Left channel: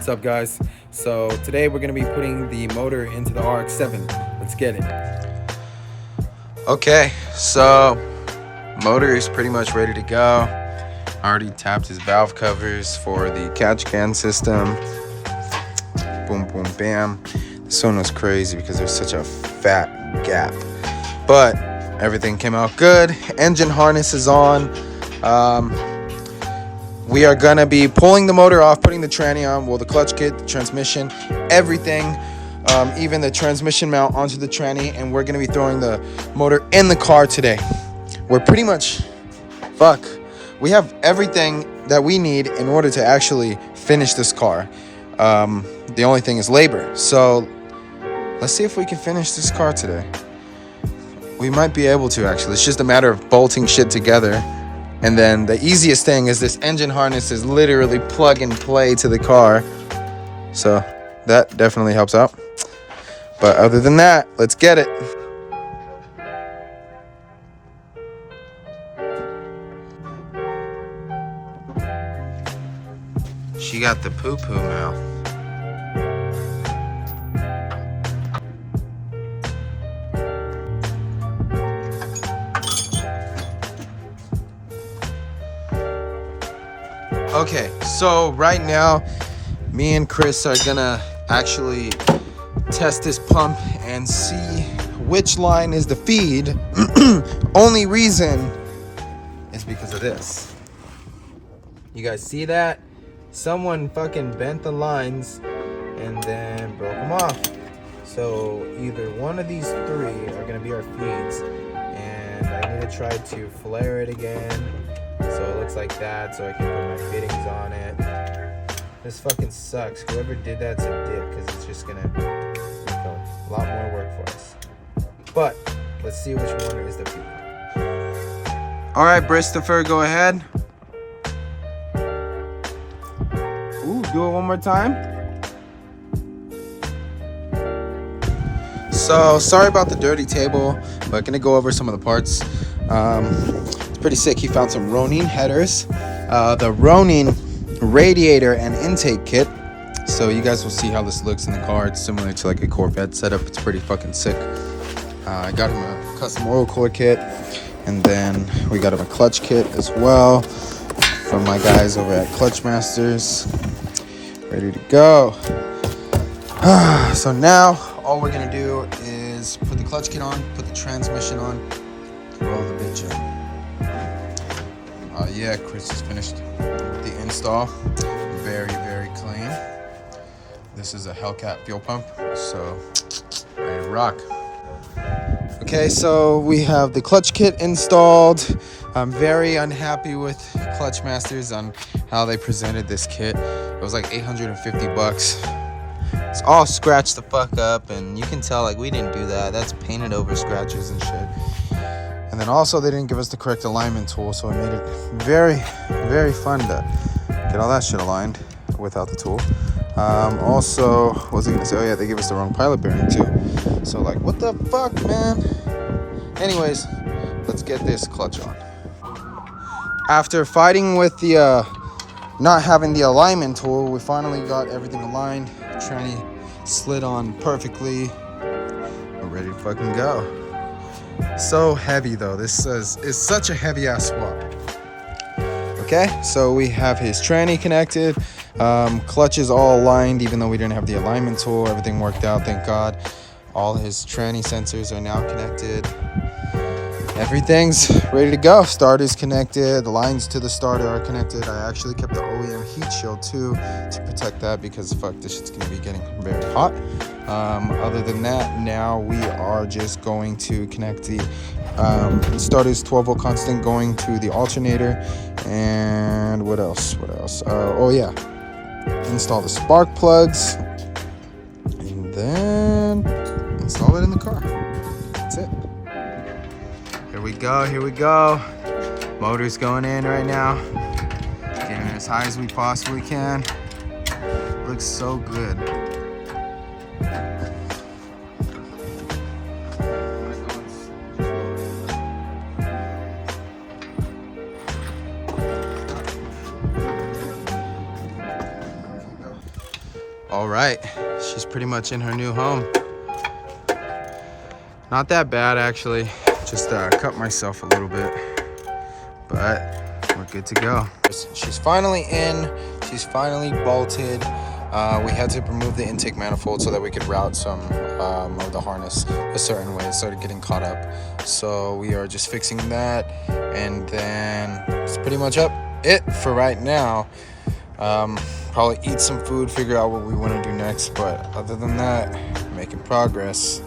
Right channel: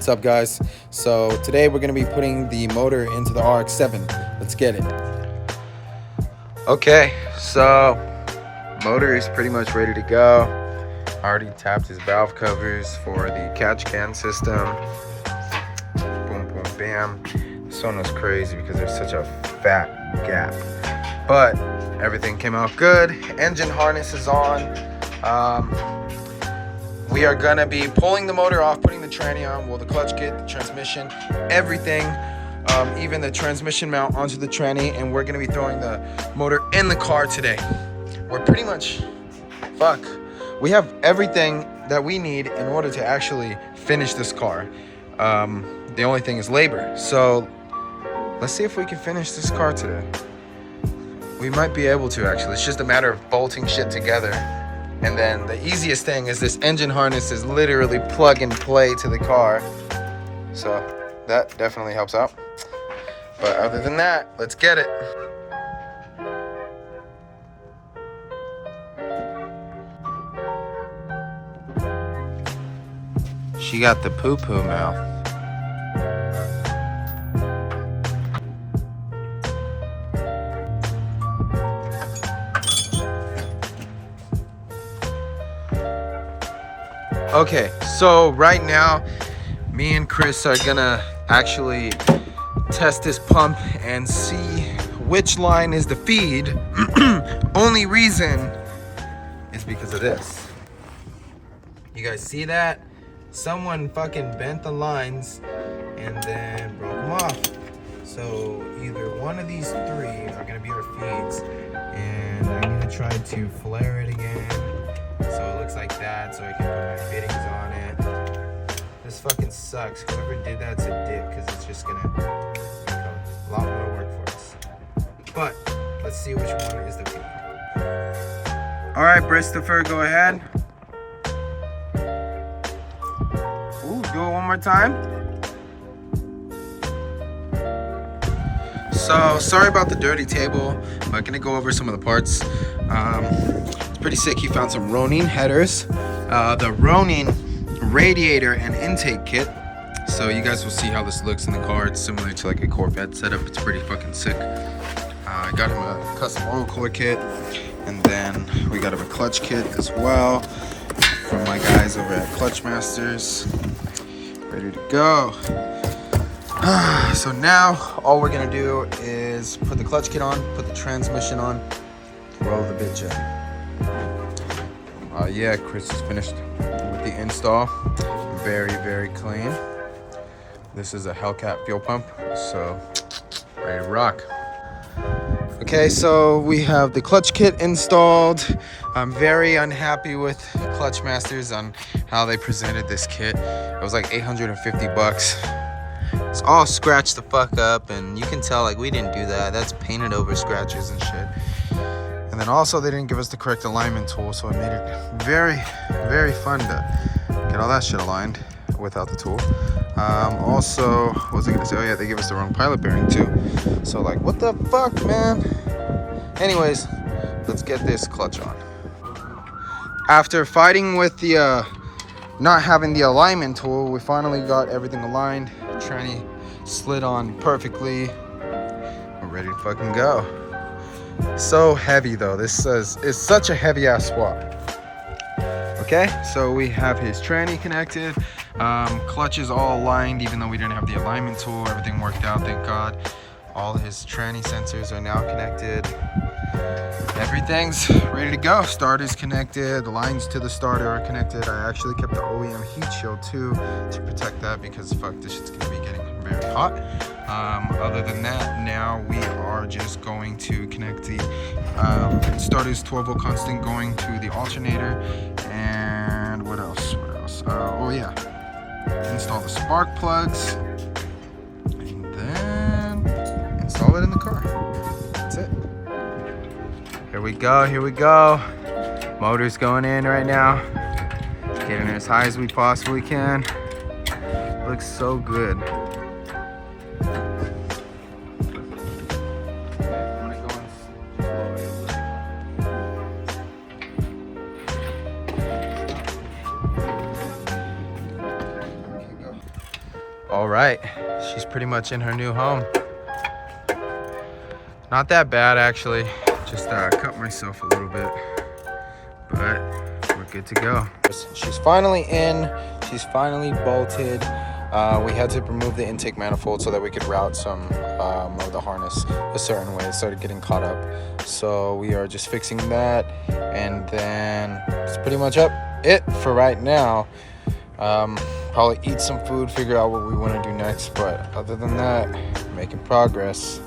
What's up, guys? So today we're going to be putting the motor into the RX-7. Let's get it. Okay, so motor is pretty much ready to go. I already tapped his valve covers for the catch can system. Boom, boom, bam. This one was crazy because there's such a fat gap, but everything came out good. Engine harness is on. We are gonna be pulling the motor off, putting the tranny on, well, the clutch kit, the transmission, everything, even the transmission mount onto the tranny, and we're gonna be throwing the motor in the car today. We're pretty much, we have everything that we need in order to actually finish this car. The only thing is labor. So let's see if we can finish this car today. We might be able to, actually. It's just a matter of bolting shit together. And then the easiest thing is this engine harness is literally plug and play to the car. So that definitely helps out. But other than that, let's get it. She got the poo-poo mouth. Okay, so right now, me and Chris are gonna actually test this pump and see which line is the feed. Only reason is because of this. You guys see that? Someone fucking bent the lines and then broke them off. So either one of these three are gonna be our feeds, and I need to try to flare it again so it looks like that, so I can put my fittings on it. This fucking sucks. Whoever did that's a dick, because it's just gonna make a lot more work for us. But let's see which one is the feed. All right, Christopher, go ahead. Ooh, do it one more time. So sorry about the dirty table, but gonna go over some of the parts. It's pretty sick. He found some Ronin headers, the Ronin radiator and intake kit. So you guys will see how this looks in the car. It's similar to like a Corvette setup. It's pretty fucking sick. I got him a custom oil core kit, and then we got him a clutch kit as well from my guys over at Clutch Masters. Ready to go. So now all we're gonna do is put the clutch kit on, put the transmission on, roll the bitch in. Yeah, Chris is finished with the install. Very, very clean. This is a Hellcat fuel pump, so ready to rock. Okay, so we have the clutch kit installed. I'm very unhappy with Clutch Masters on how they presented this kit. It was like 850 bucks. It's all scratched the fuck up, and you can tell like we didn't do that. That's painted over scratches and shit. And then also they didn't give us the correct alignment tool, so it made it very, very fun to get all that shit aligned without the tool. Also, what was I gonna say? Oh yeah, they gave us the wrong pilot bearing too. So like, what the fuck, man? Anyways, let's get this clutch on. After fighting with the not having the alignment tool, we finally got everything aligned. Tranny slid on perfectly. We're ready to fucking go. So heavy though. This is such a heavy ass swap. Okay, so we have his tranny connected. Clutch is all aligned, even though we didn't have the alignment tool. Everything worked out, thank God. All his tranny sensors are now connected. Everything's ready to go. Starter's connected. The lines to the starter are connected. I actually kept the OEM heat shield too to protect that, because fuck, this shit's gonna be getting very hot. Other than that, now we are just going to connect the starter's 12-volt constant going to the alternator. And what else? Oh yeah, install the spark plugs, and then install it in the car. That's it. Here we go. Motor's going in right now. Getting as high as we possibly can. Looks so good. All right, she's pretty much in her new home. Not that bad, actually. Just cut myself a little bit, but we're good to go. She's finally in. She's finally bolted. We had to remove the intake manifold so that we could route some of the harness a certain way. It started getting caught up. So we are just fixing that, and then it's pretty much it for right now. Probably eat some food, figure out what we want to do next, but other than that, making progress.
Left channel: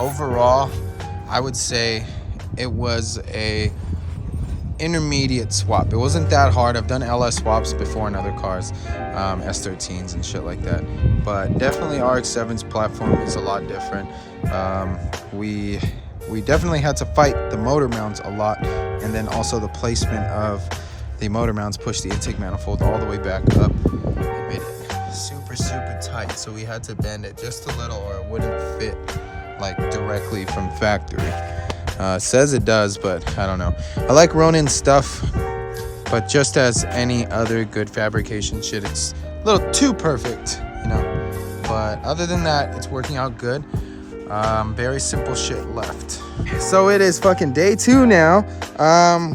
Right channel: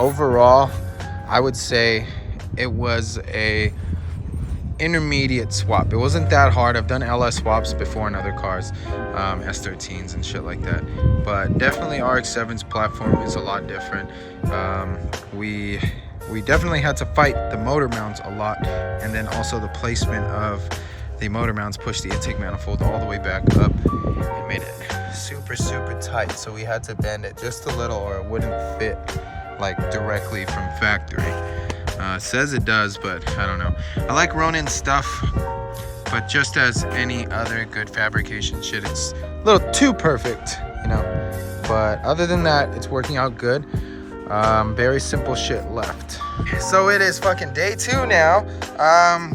Overall, I would say it was a intermediate swap. It wasn't that hard. I've done LS swaps before in other cars, S13s and shit like that, but definitely RX-7's platform is a lot different. We definitely had to fight the motor mounts a lot, and then also the placement of the motor mounts pushed the intake manifold all the way back up. It made it super tight, so we had to bend it just a little or it wouldn't fit like directly from factory. Says it does, but I don't know. I like Ronin's stuff, but just as any other good fabrication shit, it's a little too perfect, you know. But other than that, it's working out good. Very simple shit left. So it is fucking day 2 now.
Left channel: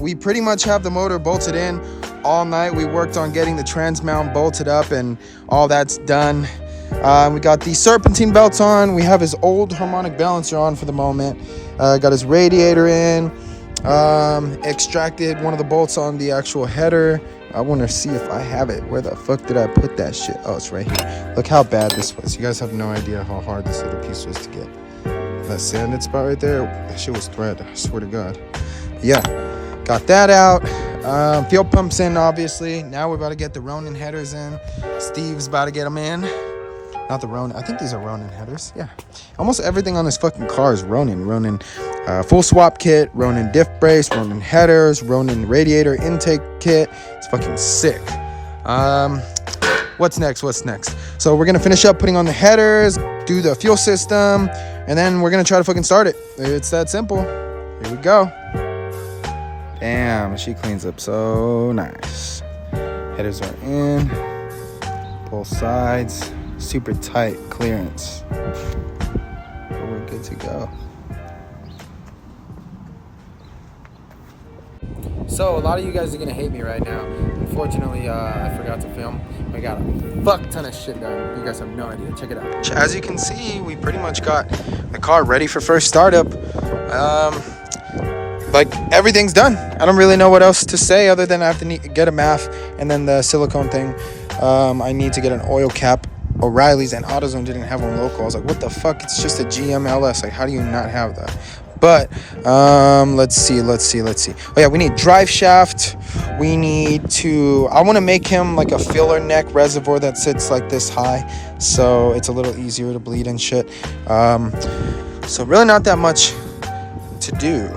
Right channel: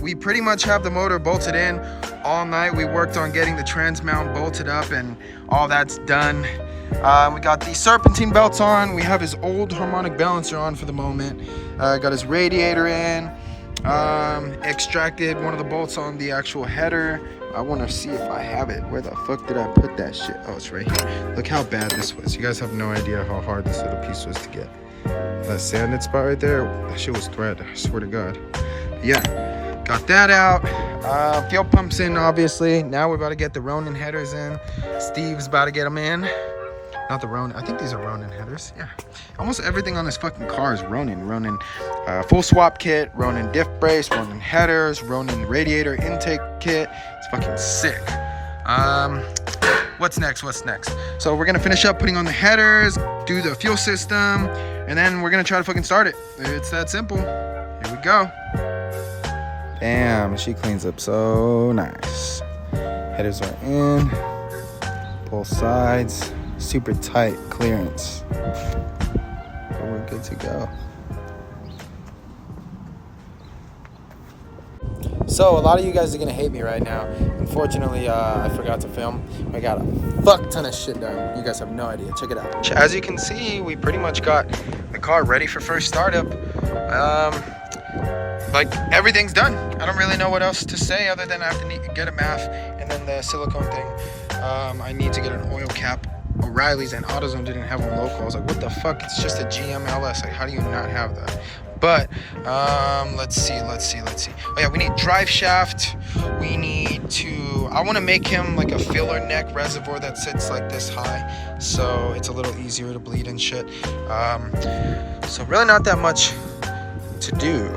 We pretty much have the motor bolted in all night. We worked on getting the trans mount bolted up and all that's done. We got the serpentine belts on. We have his old harmonic balancer on for the moment. Got his radiator in. Extracted one of the bolts on the actual header. I want to see if I have it. Where the fuck did I put that shit? Oh, it's right here. Look how bad this was. You guys have no idea how hard this little piece was to get. That sanded spot right there, that shit was thread, I swear to God. Yeah, got that out. Fuel pumps in, obviously. Now we're about to get the Ronin headers in. Steve's about to get them in. Not the Ronin, I think these are Ronin headers. Yeah, almost everything on this fucking car is Ronin. Ronin full swap kit, Ronin diff brace, Ronin headers, Ronin radiator intake kit. It's fucking sick. What's next? So we're gonna finish up putting on the headers, do the fuel system, and then we're gonna try to fucking start it. It's that simple. Here we go. Damn, she cleans up so nice. Headers are in, both sides, super tight clearance. But we're good to go. So a lot of you guys are gonna hate me right now. Unfortunately, I forgot to film. I got a fuck ton of shit done. You guys have no idea. Check it out. As you can see, we pretty much got the car ready for first startup. Like everything's done. I don't really know what else to say other than I have to get a MAF and then the silicone thing. I need to get an oil cap. O'Reilly's and AutoZone didn't have one local. I was like, what the fuck? It's just a GM LS. Like, how do you not have that? But let's see. Oh yeah, we need drive shaft. We need to, I want to make him like a filler neck reservoir that sits like this high, so it's a little easier to bleed and shit. So really not that much to do.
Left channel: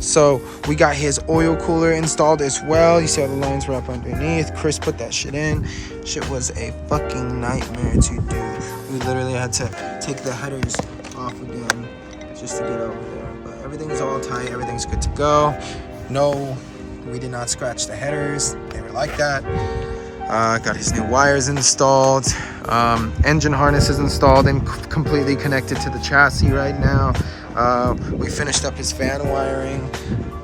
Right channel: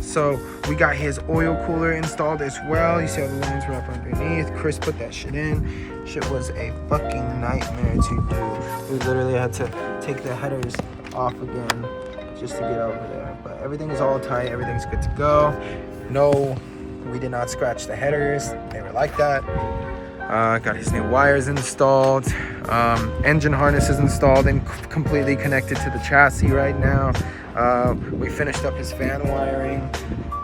So we got his oil cooler installed as well. You see how the lines were up underneath. Chris put that shit in. Shit was a fucking nightmare to do. We literally had to take the headers off again just to get over there. But everything's all tight. Everything's good to go. No, we did not scratch the headers. They were like that. Got his new wires installed. Engine harness is installed and completely connected to the chassis right now. We finished up his fan wiring.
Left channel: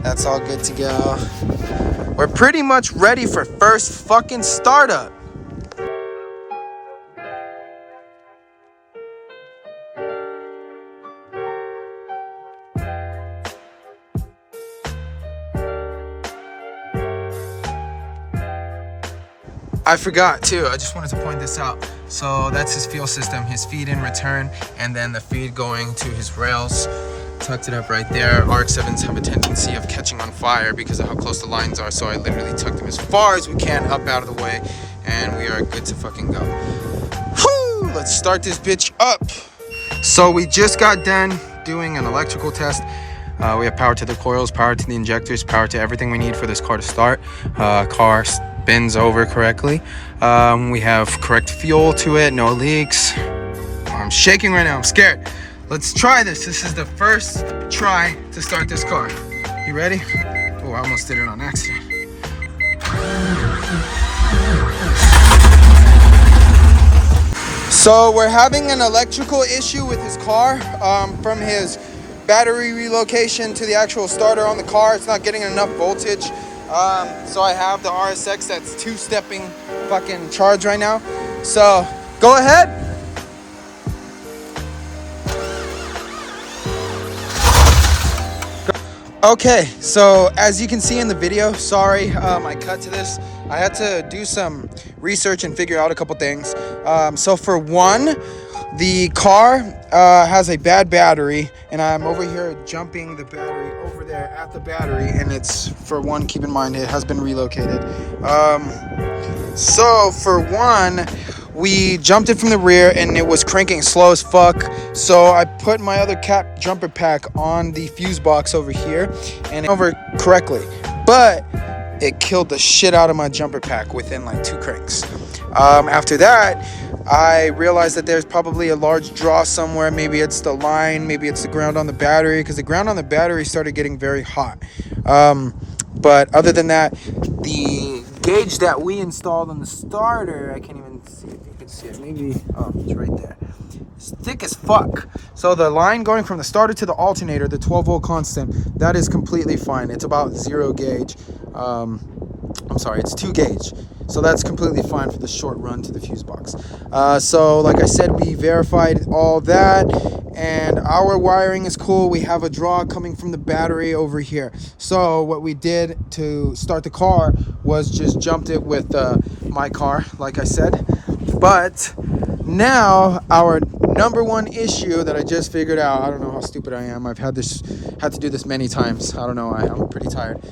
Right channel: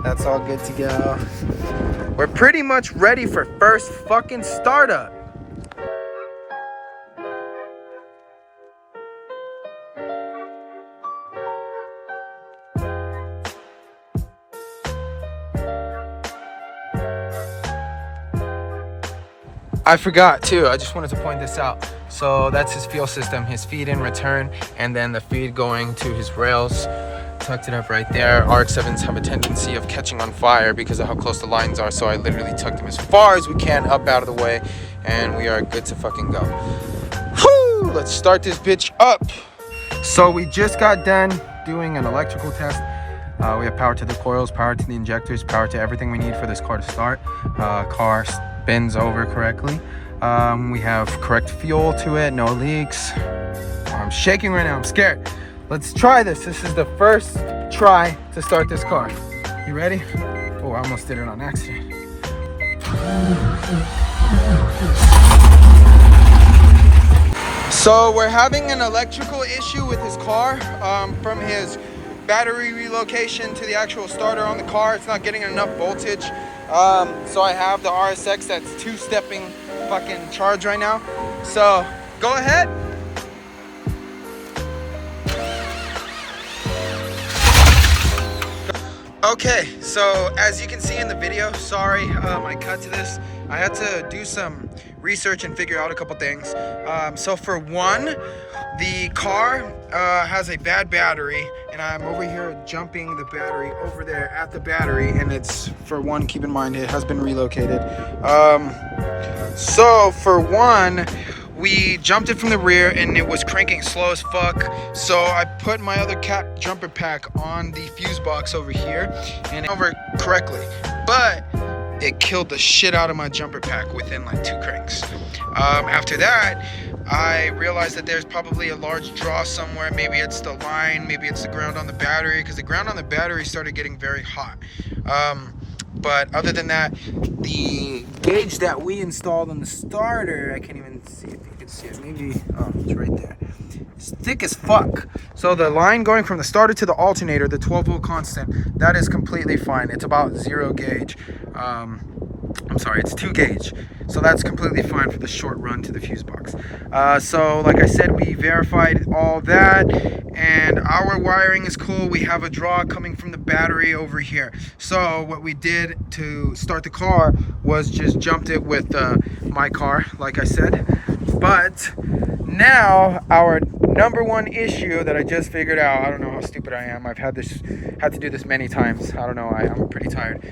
That's all good to go. We're pretty much ready for first fucking startup. I forgot too, I just wanted to point this out. So that's his fuel system, his feed in return, and then the feed going to his rails. Tucked it up right there. RX-7s have a tendency of catching on fire because of how close the lines are, so I literally tucked them as far as we can up out of the way, and we are good to fucking go. Whew, let's start this bitch up. So we just got done doing an electrical test. We have power to the coils, power to the injectors, power to everything we need for this car to start. Car spins over correctly. We have correct fuel to it, no leaks. I'm shaking right now, I'm scared. Let's try this. This is the first try to start this car. You ready? Oh, I almost did it on accident. So we're having an electrical issue with his car from his battery relocation to the actual starter on the car. It's not getting enough voltage. So I have the RX that's two-stepping fucking charge right now. So go ahead. Okay, so as you can see in the video, sorry I cut to this. I had to do some research and figure out a couple things. So for one, the car has a bad battery, and I'm over here jumping the battery over there at the battery, and it's, for one, keep in mind it has been relocated. So for one, we jumped it from the rear and it was cranking slow as fuck. So I put my other cat jumper pack on the fuse box over here and over correctly. But it killed the shit out of my jumper pack within like 2 cranks. After that, I realized that there's probably a large draw somewhere. Maybe it's the line, maybe it's the ground on the battery, because the ground on the battery started getting very hot. But other than that, the gauge that we installed on the starter, I can't even see if you can see it. Maybe, oh, it's right there. It's thick as fuck. So the line going from the starter to the alternator, the 12-volt constant, that is completely fine. It's about 0 gauge. I'm sorry, it's 2 gauge. So that's completely fine for the short run to the fuse box. So like I said, we verified all that, and our wiring is cool. We have a draw coming from the battery over here. So what we did to start the car was just jumped it with my car, like I said. But now our number one issue that I just figured out, I don't know how stupid I am. I've had to do this many times. I don't know, I'm pretty tired.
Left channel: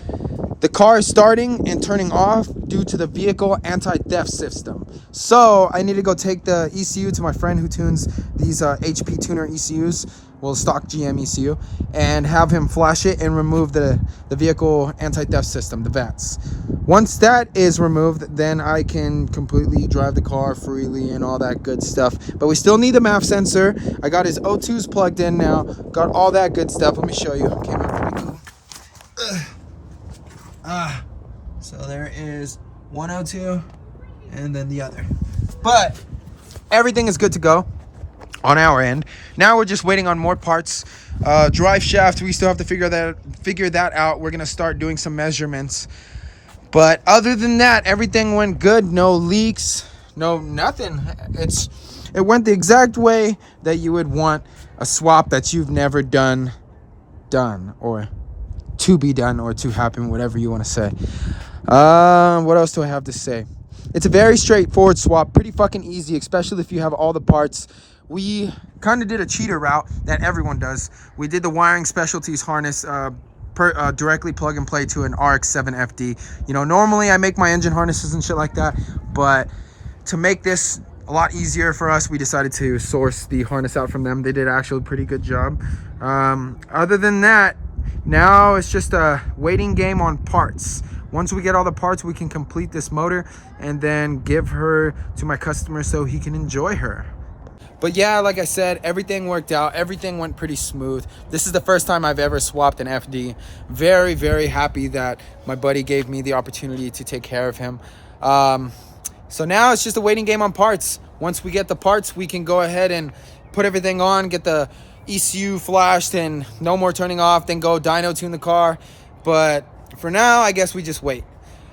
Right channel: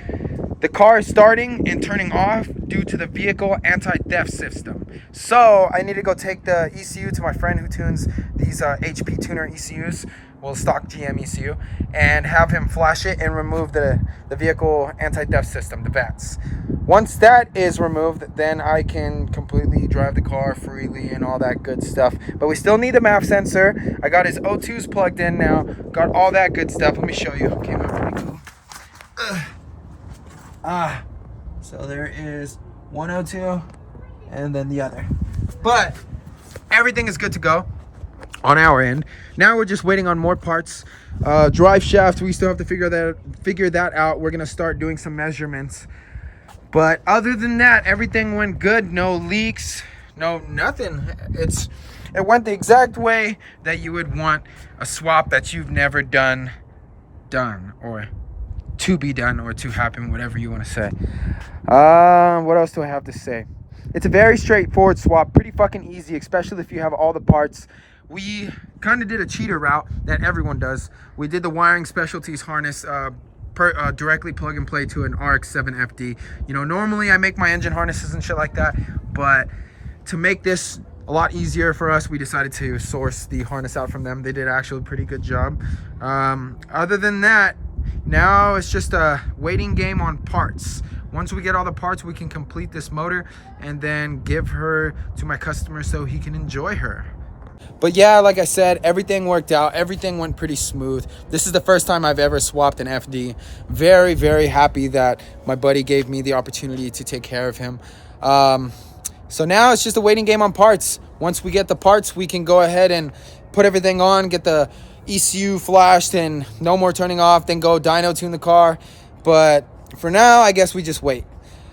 The car is starting and turning off due to the vehicle anti-theft system. So I need to go take the ECU to my friend who tunes these HP tuner ECUs, well, stock GM ECU, and have him flash it and remove the vehicle anti-theft system, the vents. Once that is removed, then I can completely drive the car freely and all that good stuff. But we still need the MAF sensor. I got his O2s plugged in now. Got all that good stuff. Let me show you. Came out pretty cool. So there is one O2 and then the other. But everything is good to go on our end. Now we're just waiting on more parts. Drive shaft, we still have to figure that out. We're gonna start doing some measurements. But other than that, everything went good. No leaks, no nothing. It went the exact way that you would want a swap that you've never done, or to be done, or to happen, whatever you want to say. What else do I have to say? It's a very straightforward swap, pretty fucking easy, especially if you have all the parts. We kind of did a cheater route that everyone does. We did the wiring specialties harness directly plug and play to an RX-7 FD. You know, normally I make my engine harnesses and shit like that, but to make this a lot easier for us, we decided to source the harness out from them. They did actually a pretty good job. Other than that, now it's just a waiting game on parts. Once we get all the parts, we can complete this motor and then give her to my customer so he can enjoy her. But yeah, like I said, everything worked out. Everything went pretty smooth. This is the first time I've ever swapped an FD. Very, very happy that my buddy gave me the opportunity to take care of him. So now it's just a waiting game on parts. Once we get the parts, we can go ahead and put everything on, get the ECU flashed, and no more turning off, then go dyno tune the car. But for now, I guess we just wait.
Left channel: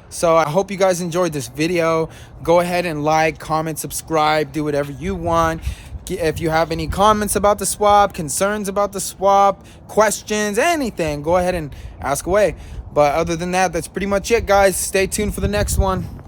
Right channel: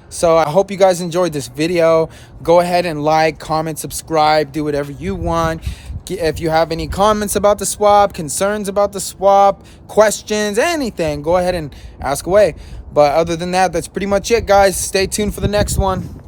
So I hope you guys enjoyed this video. Go ahead and like, comment, subscribe, do whatever you want. If you have any comments about the swap, concerns about the swap, questions, anything, go ahead and ask away. But other than that, that's pretty much it, guys. Stay tuned for the next one.